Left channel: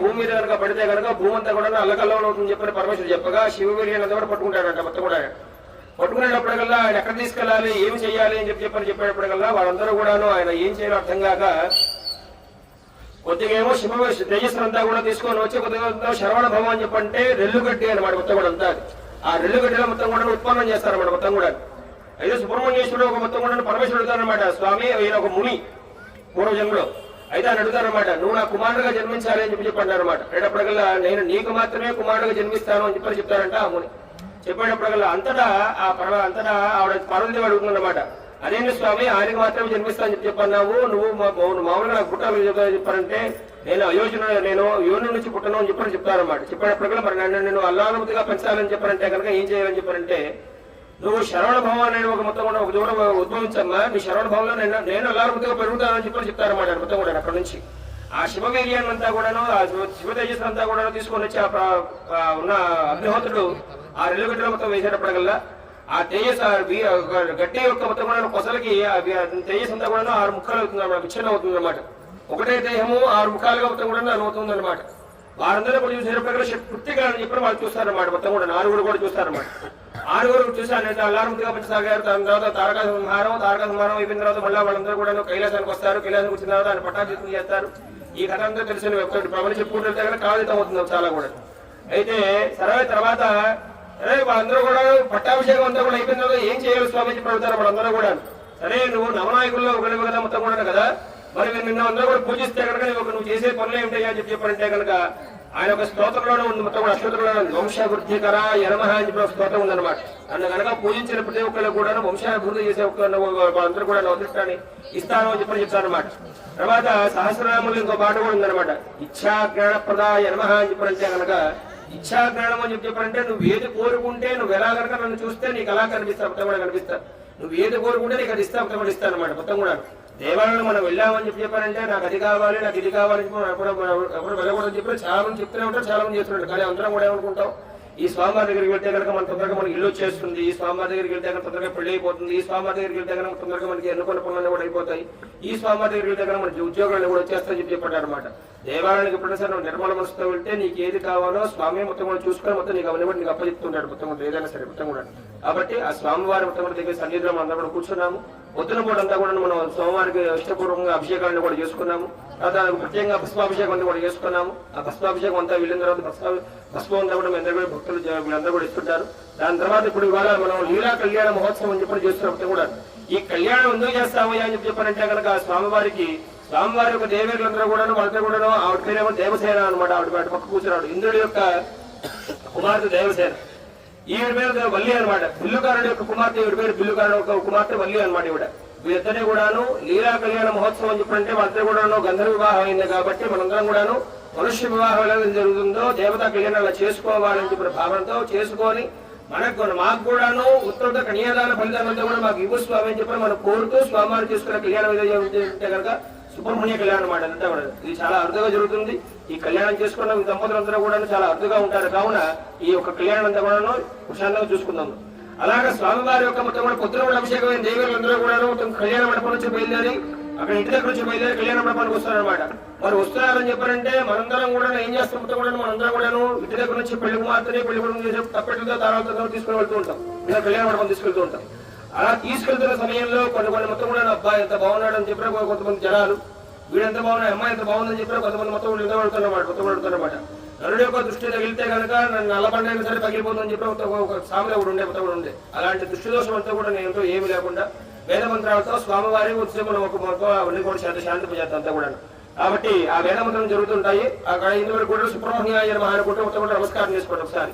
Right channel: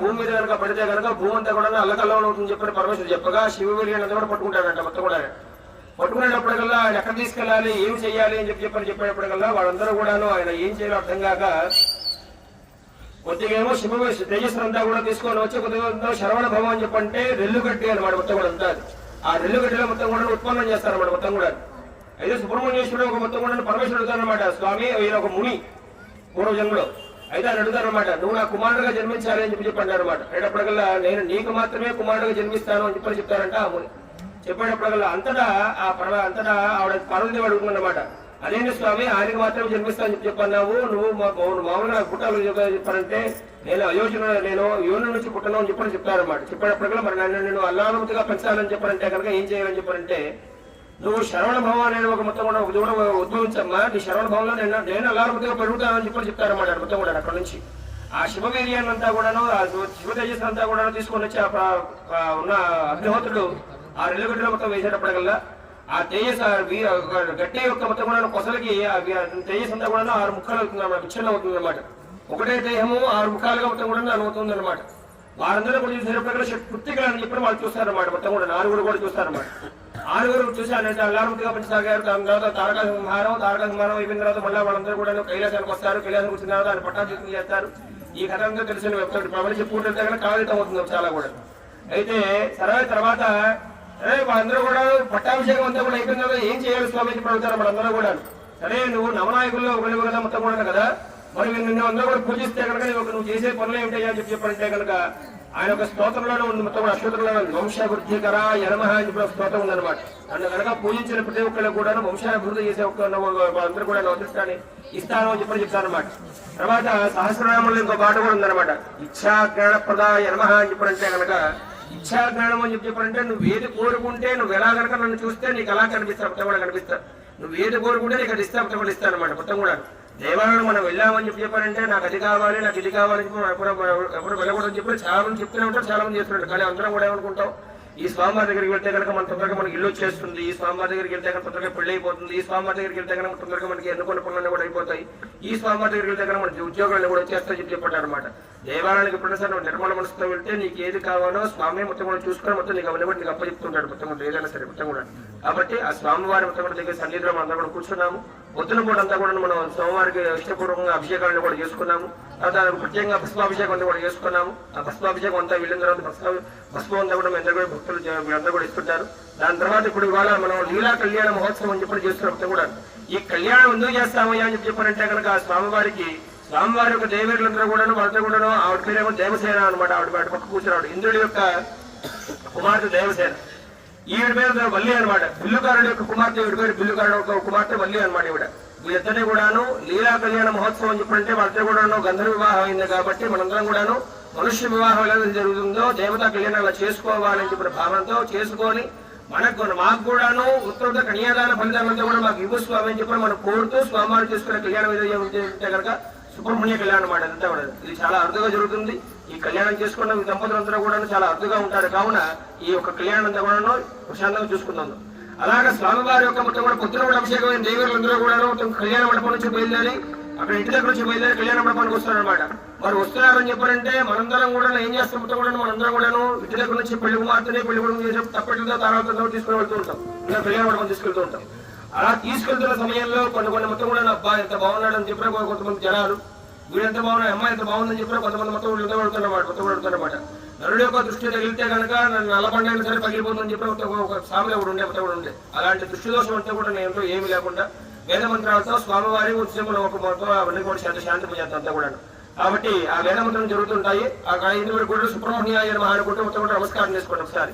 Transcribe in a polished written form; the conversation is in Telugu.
భూమి మీద కనుక పడితే కనుక భూమి అంతా కూడా అల్లకల్లం అవుతుందని చెప్పని పరమేశ్వరుడు చెప్పగా శివవీర్యాన్ని కూడా పట్టుకుంటాడంట. మొత్తం కూడా పట్టుకునేటప్పటికల్లా ఆయన ఎక్కడ తీసుకెళ్లాలి, ఏమి చేయాలి అని చెప్పేటప్పటికల్లా వాళ్ళందరూ కూడాను ఆయన ఏం చేయాలో అర్థం కాక కొద్దిగా ఏమో తేజస్సులంతా కూడా తీసుకొని వచ్చి కొద్దిగా శరవణ భవం అని చెప్పంటే రెల్లు గడ్డి అనమాట. మొత్తం కూడా అంతా ఆ రెల్లు గడ్డిలో మొత్తం కూడా ఉత్పన్నం చేస్తారన్నమాట. మొత్తం కూడా అయితే సుబ్రహ్మణ్యేశ్వరుడు ఒక మొత్తం కూడా పరమేశ్వరుడు అడుగుతారనమాట, స్వామి ఈయన ఒక ముని పూర్వజంలో అయితే ఆయన అడుగుతారనమాట, నువ్వు నా కుమారుడుగా జన్మించాలి అని చెప్పంటారు అనమాట. అనేటప్పటికల్లా నేను నీకు మాత్రమే కుమారుడుగా జన్మిస్తాను అని చెప్పని చెప్తారంట ఆ ముని. చెప్పేటప్పటికల్లా అంతటా ఆవిడ పార్వతీదేవి అడుగుతుందన్నమాట, అదేంటి స్వామి ఆయనకు మాత్రమే జన్మిస్తా అని చెప్పన్నావు, నువ్వు మామూలుగా నాకు పుట్టాలి చెప్పారంటే నేను అయోధ్యలో నేను యోని నుంచి పుట్టను అని చెప్పని చెప్తారన్నమాట. చెప్పేటప్పటికల్లా మరి నేను అల్లానుమతిగా పెంచాలని చెప్పారంటే కనుక ఏం చేయాలని చెప్పారంటే, నువ్వు శరవణ భవం అనేది ఒక మొత్తం కూడా ఒక దూరం ఉద్భవించమ్మా, నీ శరవణ భవంలో నేను అల్లానుమతిగా పెరుగుతానని చెప్పని చెప్తారన్నమాట. మొత్తం కూడా అక్కడ నుంచి ఆ శివవీర్యాన్ని అంతా కూడాను ఆ శివ తేజస్సు అంతా కూడా తీసుకొని వచ్చి ఉన్న అగ్నిహోత్రుడు ఆ రెల్లుగడ్డలో మొత్తం వేసేటప్పటికల్లా ఆ తేజస్ గట్టి యొక్క మొత్తం కూడా కొసలకి తేజస్ అంతా కూడా 6 ముఖాలు అవుతుంది అన్నమాట, విచ్ఛిన్నం అవుతుంది అనమాట. ఒకటే దేహము 6 ముఖాలుగా మొత్తం కూడా అవుతుంది అనమాట. వారందరూ కూడా చూసేటప్పుడు కృత్తికలని చెప్పి వాళ్ళు చూస్తారన్నమాట. మొత్తం కూడా 6 కూడా చూస్తారన్నమాట. 6 చూసారంటే అల్లారుగా పెంచసాగారు. దాని తర్వాత తారక సంహారం అయిపోయిన తర్వాత మళ్ళీ వాళ్ళందరూ కూడా కైలాసానికి వస్తారు. కైలాసానికి వచ్చిన తర్వాత ఆయన పట్టాభిషేకం చేస్తారు. ఈ కథ అంతా తెలిసిన ప్రజలు చెప్పుకుంటే కాగితం అవుతుంది చాలా కూడా. అయితే సరే తర్వాత వాళ్ళందరూ కూడా పట్టాభిషేకం అంతా కూడా అయిపోయిన తర్వాత ఏం చేయాలి స్వామి చెప్పి అడుగుతారు వాళ్ళందరూ కూడా. సరే నువ్వు నవనాయకుల్లో ఒకటి కదా మొత్తం కూడా కదా, మరి నిన్న అందరూ కూడా పూజిస్తే కనుక నువ్వు చేసే పనులు ఏమిటయ్యా అని చెప్పారంటే కనుక ఆయన ఒక స్తోత్రంలోనే ఉంది. మొత్తం కూడా అశ్వతంలో వంశాభివృద్ధికర యనమహ అని చెప్పి స్తోత్రం ఉందన్నమాట. అన్న కనుక పూజించిన ప్రతి ఒక్కరికి కూడా వంశాభివృద్ధి చేసే అందరూ కూడా నవతిష్టాన్ని ఇస్తాను అని చెప్పని చెప్తారనమాట. తర్వాత సహస్రనామంలో ఇంకో పాట కూడా ఉందన్నమాట, ఇచ్ఛాజ్ఞానప్రద యనమహ అని చెప్పారంటే కనుక ఇచ్ఛాజ్ఞానం అని చెప్పారంటే నువ్వు ఏది కోరుకుంటే నువ్వు ఎలా కనుక నన్ను చూస్తే నీకు అలా కనిపిస్తా మొత్తం కూడా కనిపిస్తా, నువ్వు ఏది కోరుకుంటే నీకు అది ఇస్తా మొత్తం కూడా ఇస్తాను అనమాట. మొత్తం కూడా దేవాలయంలో మనం వెళ్ళామని చెప్పారంటే నాకు అది కావాలి నాకు ఇది కావాలని చెప్పి ఎవరు వెళ్ళకూడదని చెప్పి చాలా మంది చెప్తూనే ఉంటారు, చాలా మంది చేస్తుంటారు. కానీ అందరం కూడా ఏమనుకుంటాం, ఈ స్వామివారి దగ్గరికి వెళ్తే కనుక మన తొందరగా మనకి ఇల్లు వచ్చేస్తుంది, ఈ స్వామివారి దగ్గరికి వెళ్తే కనుక తొందరగా పెళ్లి అయిపోతుంది, ఈ స్వామివారి దగ్గరికి వెళ్తే కనుక తొందరగా మనకి ఎన్నుకున్న పనులన్నీ కూడా అయిపోతాయి, ఈ స్వామివారి దగ్గరికి వెళ్తే కనుక మనకి ఉద్యోగాలు కూడా వచ్చేస్తాయని చెప్పి చెప్పారు అనమాట. దేవాలయానికి ఎప్పుడైనా నువ్వు నిర్మల మనసుతో వెళ్తే నీకు ఏది కావాలో స్వామి మొత్తం కూడా చూసుకొని మొత్తం నీకు అవన్నీ కూడా నీకు అప్పచెప్తుంటాడు మొత్తం కూడా ఏదైనా సరే మొత్తం కూడా. కాబట్టి ఆ స్వామివారి మొత్తం కూడా దగ్గర సన్నిధిలో మనం అందరూ కూడా కూర్చున్నాము. పొద్దున పూట అంతా కూడా మనం స్వామివారికి ఇష్టపూర్వకంగా అభిషేకాలను కూడా చేసుకున్నాము. తర్వాత ప్రత్యేకంగా భస్మాభిషేకం అంతా కూడా చేసుకున్నాము. ఆ భస్మాభిషేకం అంతా వెళ్ళిన తర్వాత భస్మం అంతా కూడా అందరూ కూడా భక్తులు వీళ్ళందరూ కూడా ఇస్తుంటారు. దాని తర్వాత ఇప్పుడు ఇవాళ మనం లీలా కళ్యాణ మహోత్సవం అని చెప్పి చేస్తున్నప్పుడు కూడా ఈ కళ్యాణం ఎందుకు చేస్తామయ్యా అని చెప్పారంటే కనుక స్వామివారి యొక్క దేవేరులందరూ కూడా వాళ్ళతో కూడా ఆవిడ పేరేమో దేవసేన అనమాట. ఆవిడ పక్క కూర్చున్నాడు ఇంద్రుడి యొక్క కుమార్తె దేవసేన, ఈవిడ పేరు వల్లి అనమాట. బిల్లుకారుడు యొక్క కుమార్తె ఈవిడ పేరు బిల్లుకారుడు యొక్క కుమార్తె వల్లి అనమాట. ఈవిడ వీళ్ళిద్దరినీ కూడాను లీలా కళ్యాణ మహోత్సవం అని చెప్పంటే వాళ్ళతో కూడా గంధర్వ వివాహం అయింది కాబట్టి మనందరం కూడాను మనుష్య వివాహం ఎలా జరుగుతుందో దేవతా కళ్యాణాలు చేసుకోవాలని చెప్పిన భావనతో చేసుకొని మాకు కూడాను ఉత్తర కన్యాదాన ఫలితాలంతా కూడా మాకు ఇవ్వు స్వామి అని చెప్పి మనం కోరుతూ స్వామివారు చేసుకునే కళ్యాణం ఏదైతే కనుక సుబ్రహ్మణ్య కళ్యాణం అన్నమాట. అంతా కూడా ఇది చాలా అరుదుగా జరుగుతుంది. ఈ కళ్యాణం చేసుకున్న దంపతులందరూ కూడా చాలా అరుదుగా ఉంటారు. కావున ఈ యొక్క కళ్యాణం అంతా కూడా ప్రశాంతంగా చూసుకుందాం. అలాగే స్వామివారి యొక్క మొత్తం కూడా పొద్దున కూడా అభిషేకమైన దేవీలందరూ కూడా మొత్తం కళ్యాణ మండపం నుంచి బయలుదేరి అక్కడ ఇంటి దగ్గర నుంచి బయలుదేరి కళ్యాణ మండపానికి వస్తారనమాట. మరి వస్తున్నారని చెప్పారంటే మనందరం కూడా ఏం చేస్తాం కూడా మనందరం కూడా ఇంటి దగ్గర నుంచి పెళ్లి కుమార్తెని పెళ్లి కూడా చేసే తప్పెట్లతో తారాలతో తీసుకుని వెళ్తూ ఉంటాం, ఇంకా కళ్యాణ మండపం తీసుకెళ్తూ ఉంటాం. అలా తీసుకెళ్తున్న సమయంలో కొన్ని మొత్తం కూడా అబ్బాయి ఎంత బాగున్నాడు అని చెప్పిన కొంతమంది జనాలు, వీడెంత బాగున్నాడు అమ్మాయి ఎంత బాగుందని చెప్పిన కొంతమంది మొత్తం వెళ్తారన్నమాట. నరుడు యొక్క దృష్టి తగిలితే కనుక నల్లబండైనా సరే పగిలిపోతుందని చెప్పి ఒక సామెత కూడా ఉండే అలాంటి దృష్టి దోషం అంతా కూడా నేను ఏమి లేకుండా వేద మంత్రాలతో స్వామివారి ఉత్సవం ఒక మొత్తం అవన్నీ కూడా శాంతి పూజేస్తాం అంతా కూడా. కాబట్టి ఆ వేద మంత్రం జరుగుతుంటాయి. ఆ ఇందులో కూడా సుబ్రహ్మణ్యాయ నమః అనుకుంటూ మొత్తం కూడా నమస్కారం చేసుకోండి ఒకసారి.